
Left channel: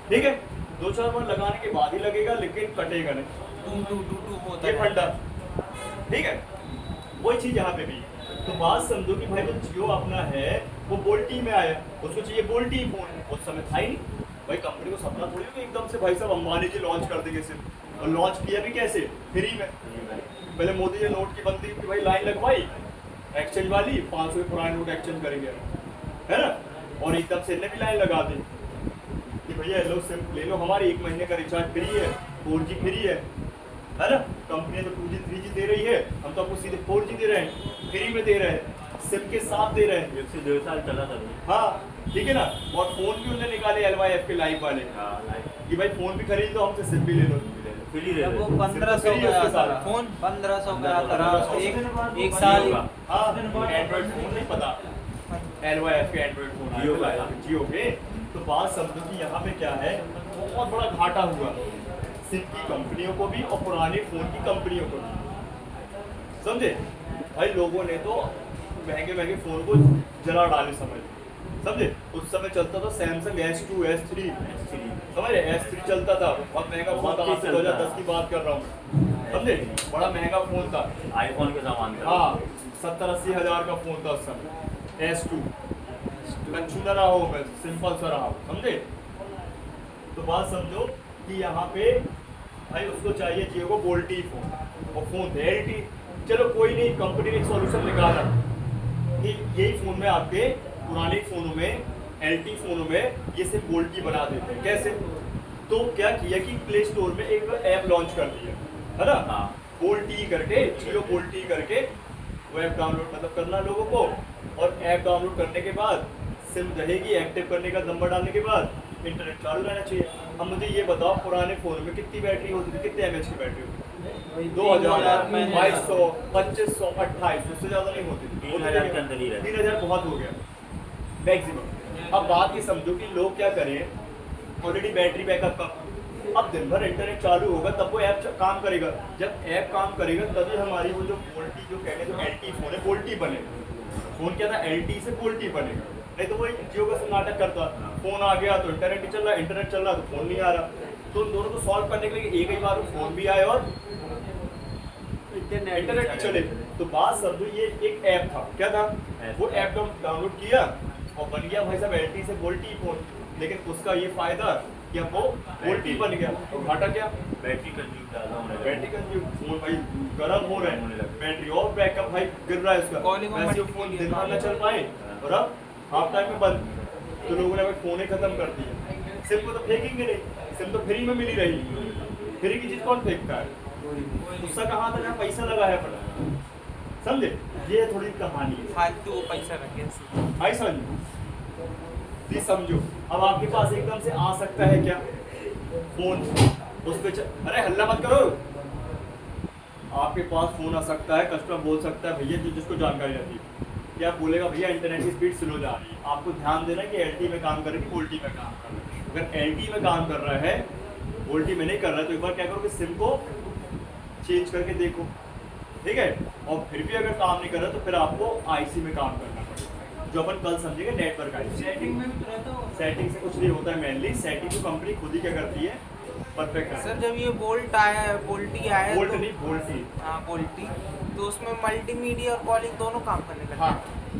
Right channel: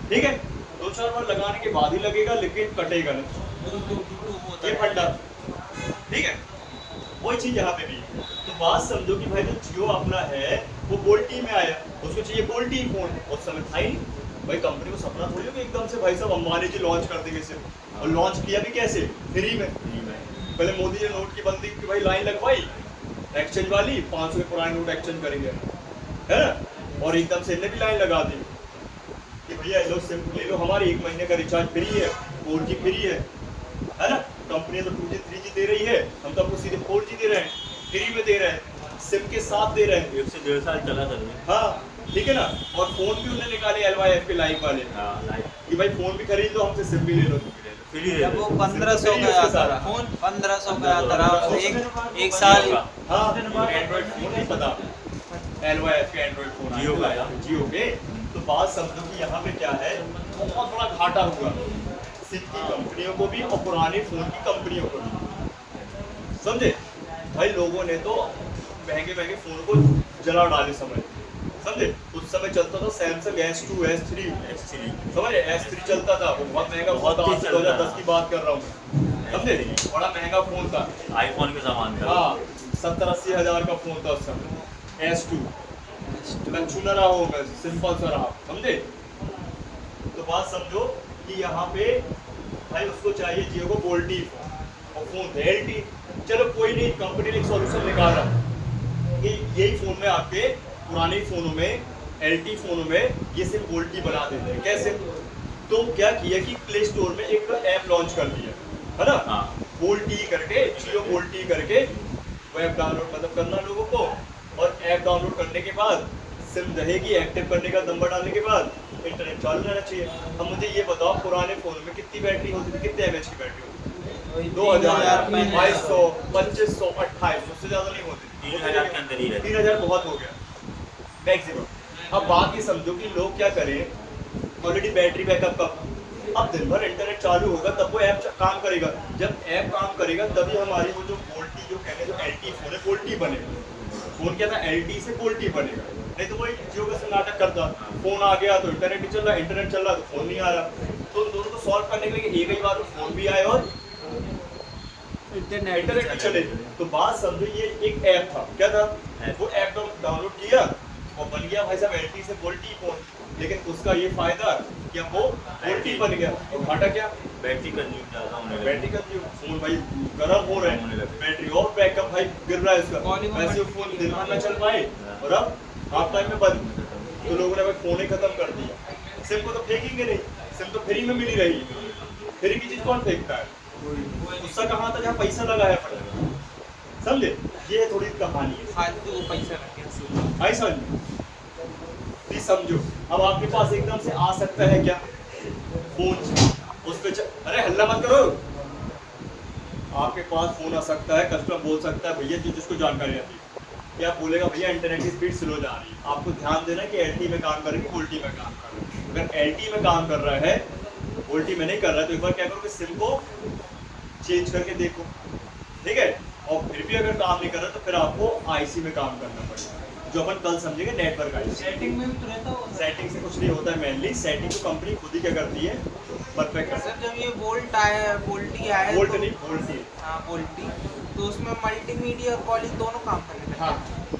ठीक है। 2-4 बार लगाने के बाद ही लगेगा, लेकिन कटेगा नहीं, ये फंडा, ठीक है। वही चीज यहाँ पे भी। तो बात समझो कि भाई जो जियो अपना है वो वोल्टी में आया, उसको चाहिए वोल्टी फोन, उस समय था ही नहीं भाई। कंपनी को सपना थोड़ी हो कि एकदम से भाई साहब अंबानी जी लॉन्च कर देंगे सिम, और लॉन्च किया भी कैसे? फ्री में। पहले मोदी जी ने नोट की बंदी की भाई लाइन लगवाई एक्सचेंज वाली, 500 के पुराने नोट एक्सचेंज करेंगे, है ना, और एकदम से इन्हें भी लाइन लगा दी कि भैया लो सिम ले लो, हमारी 1 महीने का रिचार्ज फ्री है, 4G फ्री है ना। कंपनी तो 2G 3G दे रही है, हम तो आपको सीधे 4G दे रहे हैं, फ्री में दे रहे हैं, सिम के साथ दे रहे हैं। 1 से 1.5 साल चला था। हाँ ठीक है ना। और फोन भी उन्होंने निकाले LYF के लाइव वाले कि भाई फोन भी खरीद लो, हमसे सिम भी ले लो। फ्री दे जब वो दो। 1500 फ्री का उसके आता साथ। था फोन, 1500 का आता था, 1500 एक साल। हाँ, एंड्रॉइड फोन नहीं पता, LYF के एंड्रॉइड फोन जियो का। जियो के। तो बात समझो कि यहाँ पे क्या है, बहुत बड़ा घाटा हुआ सिम की कंपनियों को भी और पुराने फोन की कंपनियों को भी, समझे भाई। लोगों ने तो महंगे महंगे फोन को जला डाले समय, समझे। उस समय चलता था सैमसंग S2 S3, समझे, S3 चलता था, वो बहुत महंगा फोन था, आज से 2010 की बात कर रहा हूँ, समझे, बड़ा महंगा फोन था, आईफोन के सामान का। हाँ 70-80 हज़ार का फोन था उस समय S2। कच्छू न रहा हो, मैं सिंपल सा रहा, समझे। तो बात समझो कि यहाँ पे भाई उसको चाहिए जियो को वोल्टी फोन, और फोन थे LT। चलो कोई नहीं, कंपनी ने एक सॉल्यूशन निकाला कि यही फोन में आपके पुराने फोनों में, LT फोनों में ये सिम वोल्टी बना देते हैं। कैसे? तो क्या किया कि प्ले स्टोर में एक ऐप लॉन्च कर दिया, है ना, हाँ। वोल्टी करके, जियो वोल्टी करके वेब डाउनलोड मतलब करना लोगों को, और ऐप डाउनलोड करने के बाद सिम रहेगी, एक्टिव करने का नंबर डालने के बाद इंटरनेट चालू रहना चाहिए। अब मुझे ये बताओ पुराने फोन में कितनी बैटरी होती थी, कितने mAh की बैटरी होती थी? 2000, 2200, 2500, 2800, उससे ज्यादा नहीं होती थी। 3000 के अंदर ही रहती। 3000 बहुत हो गया मैक्सिमम। अब बात ये समझो कि लोग क्या करें, ऑलरेडी बैटरी बैकअप का, अब दिन भर इंटरनेट चालू होगा तब वो ऐप काम करेगा। जब ऐप काम करेगा तभी हमारी वो जो वोल्टी जो कहने जो LT फोन है वोल्टी बनेगा। फोन क्या था, LT से वोल्टी बनेगा, नहीं तो वो जियो का नाटक करता फोन आ गया तो इंटरनेट नहीं चल रहा, इंटरनेट चल रहा तो फोन नहीं आ रहा। तो उन दोनों को सॉल्व करने के लिए एक ही बार में फोन भी आए और इंटरनेट भी चले। तो बात समझो, ये एक ऐप था, क्या था, वो ऐप डाउनलोड किया और बन गया भाई साहब एलटी से वोल्टी फोन। लेकिन उसका ये फायदा कि अब वो वोल्टी बन गया, और घाटा क्या, बैटरी कंज्यूम ज़्यादा होने लगा। बैटरी कंज्यूम, फोन भाई गर्म हो रहे हैं, बैटरी और बैकअप भाई गिर रहा है उसका, वैसे फोन दिन भर न चल पाए और अब हाफ टाइम में बंद। तो लोगों ने भाई फोन ही खत्म कर दिया। सिम को तो फेंकेंगे नहीं, सिम तो फ्री में मिली रही, फ्री की चीज कौन फेंकता है, उसका कहाँ था जहाँ पैसा लगा है अपना, समझे। ये थोड़ी कहानी है, फालतू वो पैसा लगने आई समझ, प्लीज समझो। अब आपके पास एकदम से आ सकता है क्या फोन, उस पे अरे हल्ला मत करो, आपके पास फोन आ सकता है, कस्टमर बोल सकता है भैया, जिसको जानकारी रहती है, क्या बोलेगा, भैया इंटरनेट की स्पीड स्लो जा रही है। आपको ध्यान देना कि एलटी में काम कर रही है कि वोल्टी में काम कर रहा है। अगर एलटी में काम कर रहा है, वोल्टी में नहीं कर रहा है, तो एक बार क्या करो कि सिम को चेंज करके देखो, ठीक है। और फिर भी अगर काम नहीं कर रहा तो फिर आपको आईसी में काम करना पड़ेगा, जो अपन कल समझेंगे, नेटवर्क आईसी। सेटिंग से कुछ नहीं होता है, मेनली सेटिंग को कंपनी खुद ही क्या करती है, परफेक्ट है। सर जब ये बोल्ट आया, बोल्टी आया, वोल्ट तो नहीं, वोल्टी। हाँ बोल्टी, तो उसमें मल्टीमीडिया और कॉलिंग दोनों काम करने लगे। हाँ,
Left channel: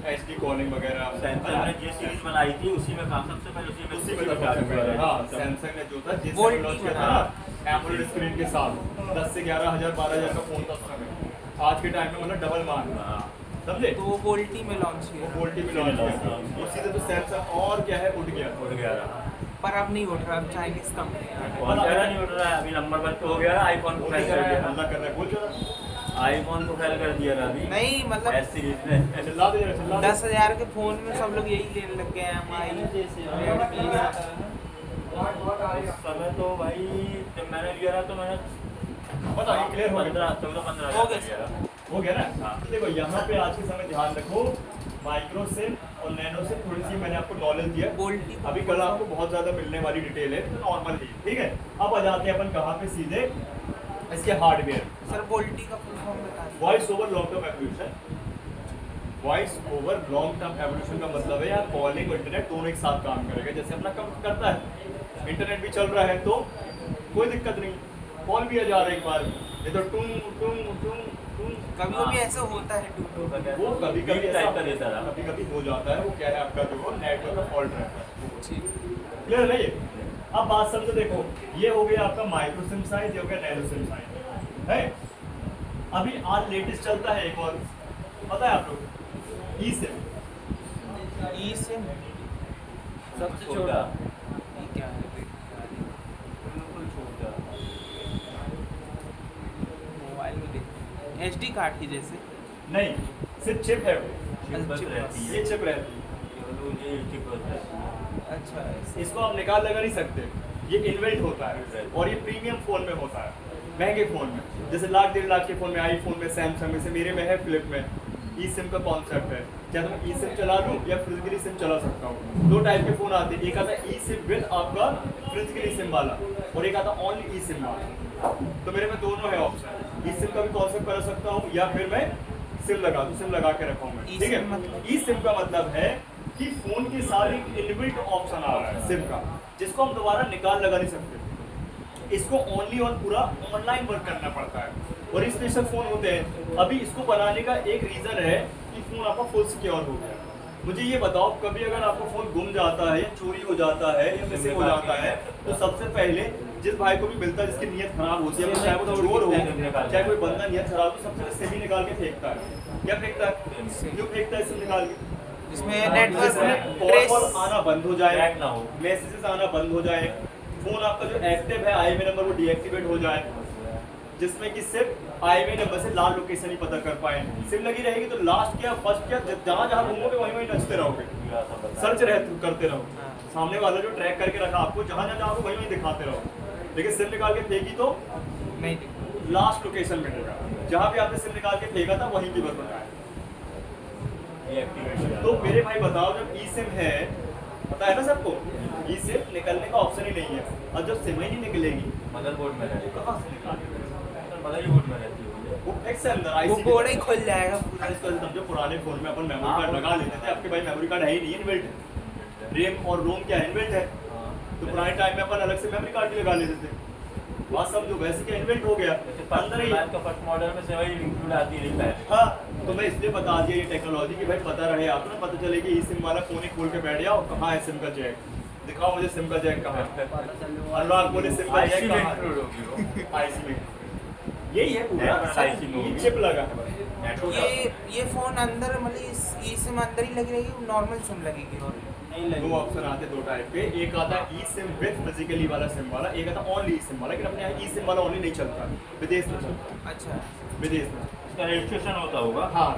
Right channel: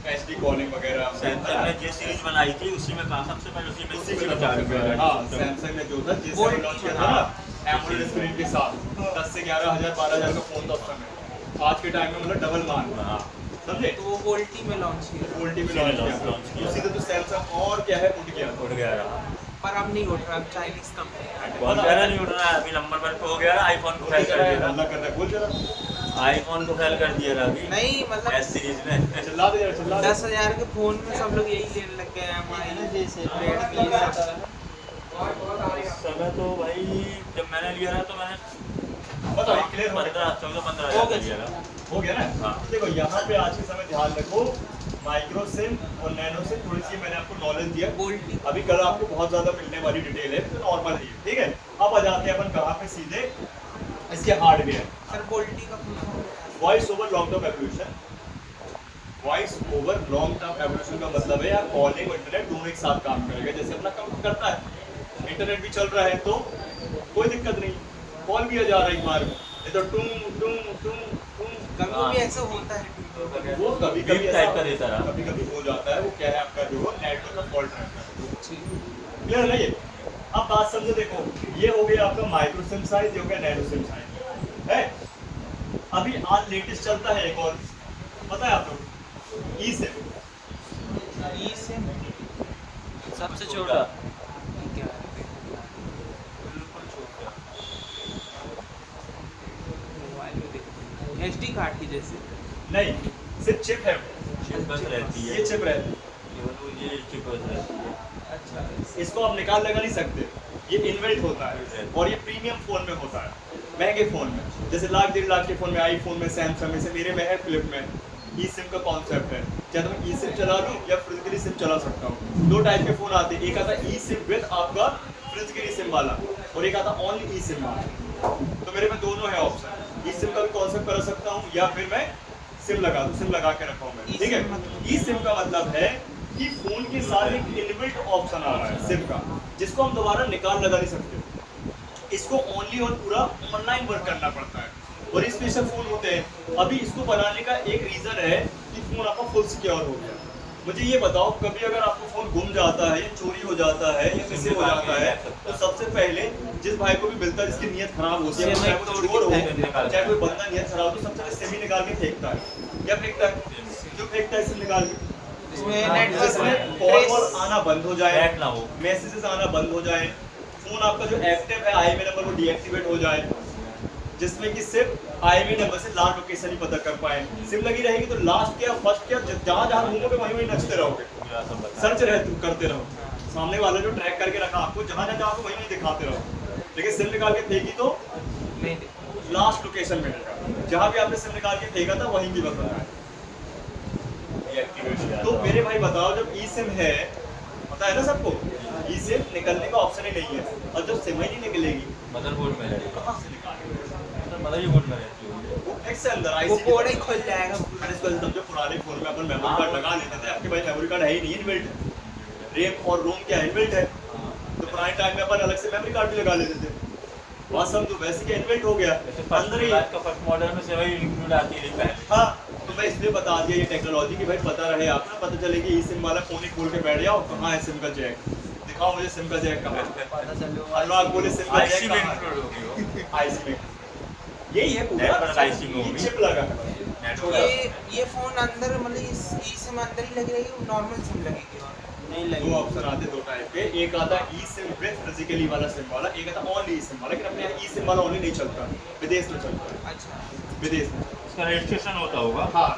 एचडी कॉलिंग वगैरह, सैमसंग ने जो सीरीज बनाई थी उसी में काम सबसे पहले उसी में था। हाँ, सैमसंग ने जो था जिससे लॉन्च किया था ना एमोलेड स्क्रीन के साथ, 10 से 11,000 12,000 का फोन था उस समय। आज के टाइम में मतलब डबल मान, समझे। तो वो बोल्टी में लॉन्च वो किया, वोल्टी में लॉन्च किया था, उसी से तो सैमसंग और क्या है उठ गया। उड़ गया पर अब नहीं उठ रहा, अब चाइनीज कंपनी है। फोन वगैरह नहीं उड़ रहा है अभी, नंबर वन पे हो गया, आईफोन को फेल कर दिया, हल्ला कर रहा है, बोल जरा, आईफोन को फेल कर दिया अभी नहीं मतलब एस सीरीज ने। चिल्ला दे, चिल्ला दे। 10,000 के फोन में सब लोग यही लेने लग गए हैं, हमारे जैसे इस समय तो भाई जब मैंने लिया था तो मैंने बताओ, ये क्लियर हो गया, 14-15 हज़ार लिया था। हो गया ना। हाँ। देखो यहाँ पे आज के समय ध्यान रखो, माइक्रो सिम और नैनो सिम थोड़ी सी मैंने आपको नॉलेज दिया, बोल्टी। अभी कल आपको बहुत ज्यादा मिलने वाली डिटेल है, तो नॉर्मल है, ठीक है। अब आ जाते हैं अपन कहाँ पे, सीधे इसके हार्डवेयर। सर बोल्टी का फुल फॉर्म क्या है? Voice over long term evolution. Voice over long term evolution का मतलब है यार कॉलिंग और इंटरनेट दोनों एक साथ काम करेगा, जैसे अपना काम करता है, इंटरनेट भी चल रहा है तो कोई दिक्कत नहीं, कॉल भी आ जा रहा है एक बार में, ये तो टुम टुम टुम टुम। कभी ऐसा होता है, वो कभी कभी ऐसा टाइप का देता रहा। कभी कभी हो जाता है, वो क्या है आपका जो नेटवर्क का फॉल्ट रहता है, ठीक। क्लियर है ये। अब बात समझो, देखो ये हो गया आपका माइक्रो सिम साइज, ये हो गया नैनो सिम साइज है। अभी आज लेटेस्ट चलता है एक और, पता है आप लोग, ई सिम। ई सिम सबसे छोटा एचडी कार्ड की जैसे, नहीं, सिर्फ चिप है वो, चिप बस रहती है, ये चिप रहती है, ये चिप बस रहती है। अच्छा इसको आप निकाल लगा नहीं सकते, ये इनबिल्ट होता है और ये प्रीमियम फोन में होता है, महंगे फोन में, जैसे 1 लाख 1.5 लाख के फोन में, आईफोन में, सैमसंग में से, मेरे में है, फ्लिप में ई सिम का कॉन्सेप्ट है। चाहे तो मैं ई सिम चला लूँ या फिजिकली सिम चला सकता हूँ। 2 टाइप के फोन आते हैं, एक आता है ई सिम विद आपका फिजिकली सिम वाला और एक आता ओनली ई सिम वाला। तो मेरे में दोनों है ऑप्शन, ई सिम का भी कॉन्सेप्ट कर सकता हूँ या फिर मैं सिम लगा दूँ, सिम लगा के रखा हूँ मैं, ठीक है। ई सिम का मतलब है कि फोन के साथ एक इनबिल्ट ऑप्शन आ रहा है सिम का, जिसको हम दोबारा निकाल लगा नहीं सकते, इसको ओनली और पूरा ऑनलाइन वर्क करना पड़ता है और ये स्पेशल फोन होते हैं। अभी इसको बनाने का एक रीजन है कि फोन आपका फुल सिक्योर हो गया। मुझे ये बताओ, कभी अगर आपको फोन गुम जाता है या चोरी हो जाता है या मिसिंग हो जाता है, तो सबसे पहले जिस भाई को भी मिलता है, जिसकी नीयत खराब होती है, चाहे वो चोर हो चाहे कोई बंदा नीयत खराब हो, तो सबसे पहले सिम ही निकाल के फेंकता है। क्या फेंकता है, क्यों फेंकता है सिम निकाल के? इसमें नेटवर्क कॉल आना बंद हो जाए, Back ना हो, मैसेजेस आना बंद हो जाए, फोन आपका जो एक्टिव है आईएमई नंबर वो डीएक्टिवेट हो जाए, जिसमें कि सिर्फ आईएमई नंबर से लास्ट लोकेशन ही पता कर पाए। सिम लगी रहेगी तो लास्ट क्या फर्स्ट क्या, जहाँ जहाँ घूमोगे वहीं वहीं नचते रहोगे, सर्च करते रहो, सामने वाला जो ट्रैक करके रखा आपको, जहाँ जहाँ जाओगे वहीं वहीं दिखाते रहो। लेकिन सिम निकाल के फेंकी तो नहीं, लास्ट लोकेशन मिलेगा, जहाँ भी आपने सिम निकाल के फेंका था वहीं की बस है। तो मेरे भाई बताओ, जब ई सिम है, पता है ना सबको, ई सिम निकलने का ऑप्शन ही नहीं है, और जब सिम ही नहीं निकलेगी मदरबोर्ड में रहती तो कहाँ से निकालेंगे? है, मदरबोर्ड में रहती है। वो फिक्स है अंदर वो आईसी कोड ही खुल जाएगा। अरे इसको समझो, पुराने फोन में अपन मेमोरी कार्ड लगा लेते थे, आपके भाई मेमोरी कार्ड है ही नहीं, इनबिल्ट है, रेम और रोम क्या इनबिल्ट है, तो पुराने टाइम में अपन अलग से मेमोरी कार्ड भी लगा लेते थे। बात समझो, वैसे क्या इन्वेंट हो गया अंदर ही। का फर्स्ट मॉडल में से वही इंक्लूड आती रही है। हाँ, तो मैं इसलिए बता दिया ये टेक्नोलॉजी कि भाई पता रहे आपको ना, पता चले कि ई सिम वाला फोन ही खोल के बैठ जाओ, कहाँ है सिम का जैक, दिखाओ मुझे सिम का जैक कहाँ है। पता चलो अनुराग बोले सिम का आईसी जैक में कहाँ इंक्लूड है, होगी वो। आईसी में यही है पूरा, IC में होगी। चिप लगा है छोटा। ये फोन अंदर मतलब इस ई सिम अंदर ही लगी रहेगी, नॉर्मल सिम लगेगी और नहीं दो लगी। ऑप्शन आते दो टाइप के, एक आता ई सिम विद फिजिकली वाला सिम वाला, एक आता ओनली ई सिम वाला। लेकिन अपने यहाँ ई सिम वाला ओनली नहीं चलता, विदेश में चलता है, अच्छा विदेश में। इसका रजिस्ट्रेशन होता होगा। हाँ,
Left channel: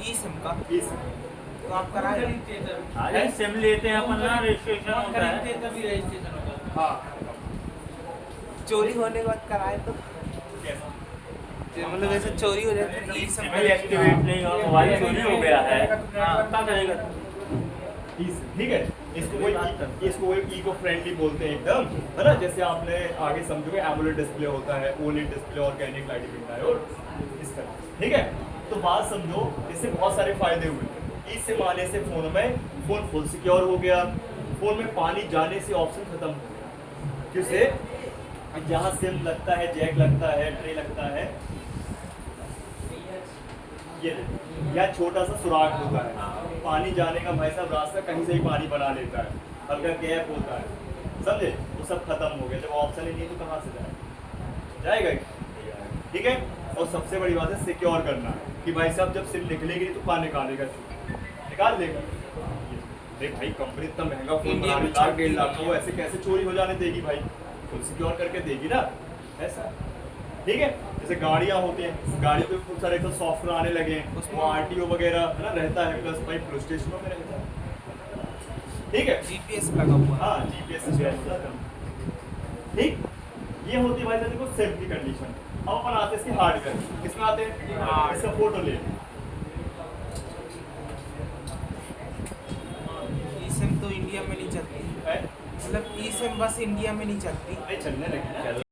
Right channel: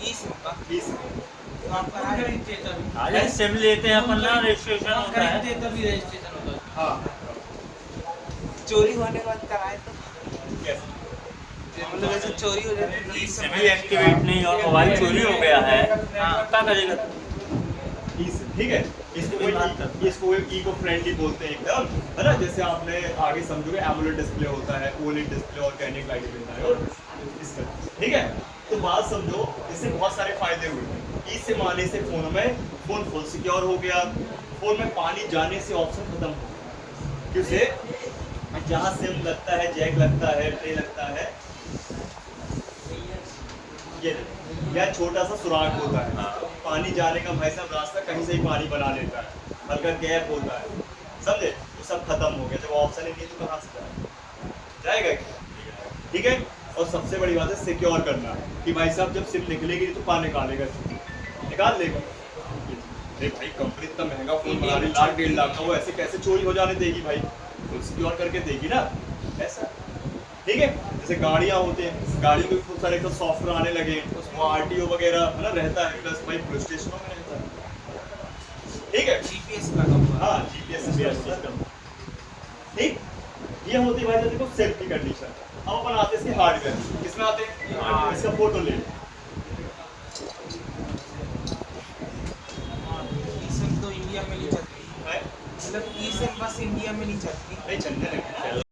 ई सिम का ई सिम तो आप करा अरे सिम लेते हैं अपन ना, रजिस्ट्रेशन होता है। खरीदते तभी रजिस्ट्रेशन होगा। हाँ, चोरी होने के बाद कराए तो कैसे? मतलब ऐसे चोरी हो जाती है ई सिम सिम एक्टिवेट नहीं हो, मोबाइल चोरी हो गया है, हाँ क्या करेगा? ठीक है, इसको कोई इको फ्रेंडली बोलते हैं एकदम, है ना। जैसे आपने आगे समझोगे एमोलेड डिस्प्ले होता है, ओलेड डिस्प्ले और कैंडिड लाइट डायोड, इसका ठीक है। तो बात समझो, इससे बहुत सारे फायदे हुए। इससे आने से फोन फुल सिक्योर हो गया, फोन में पानी जाने से ऑप्शन खत्म हो गया। क्योंकि जहाँ सिम लगता है, जैक लगता है, ट्रे लगता है, ये या छोटा सा सुराख होता है, पानी जाने का भाई साहब रास्ता कहीं से ही पानी बना लेता है, हल्का गैप होता है, समझे, वो सब खत्म हो गया। जब ऑप्शन ही नहीं तो कहाँ से जाएगा क्या? ठीक है। और सबसे बड़ी बात है सिक्योर करना, कि भाई साहब जब सिम निकलेगी तो कहाँ निकालेगा, निकाल लेगा। देख भाई, कंपनी इतना महंगा फोन बना रही, लाख 1.5 लाख का, वो ऐसे कैसे चोरी हो जाने देगी भाई, फुल सिक्योर करके देगी ना, ऐसा। ठीक है, जैसे गाड़ियाँ होती हैं, गाड़ियों के खूब सारे तो सॉफ्टवेयर आने लगे, उसमें आरटीओ वगैरह है ना रहता है, प्लस भाई पुलिस स्टेशनों में रहता है। ठीक है, जीपीएस लगा हुआ हाँ जीपीएस सिस्टम। ठीक, ये होती है भाई साहब देखो सेफ्टी कंडीशन। अब अपन आते हैं इसके हार्डवेयर, किसमें आते हैं, इसका फोटो ले लो। ई सिम तो इंडिया में नहीं चलती, है? मतलब ई सिम बस इंडिया में नहीं चलती। नहीं चलने लगी,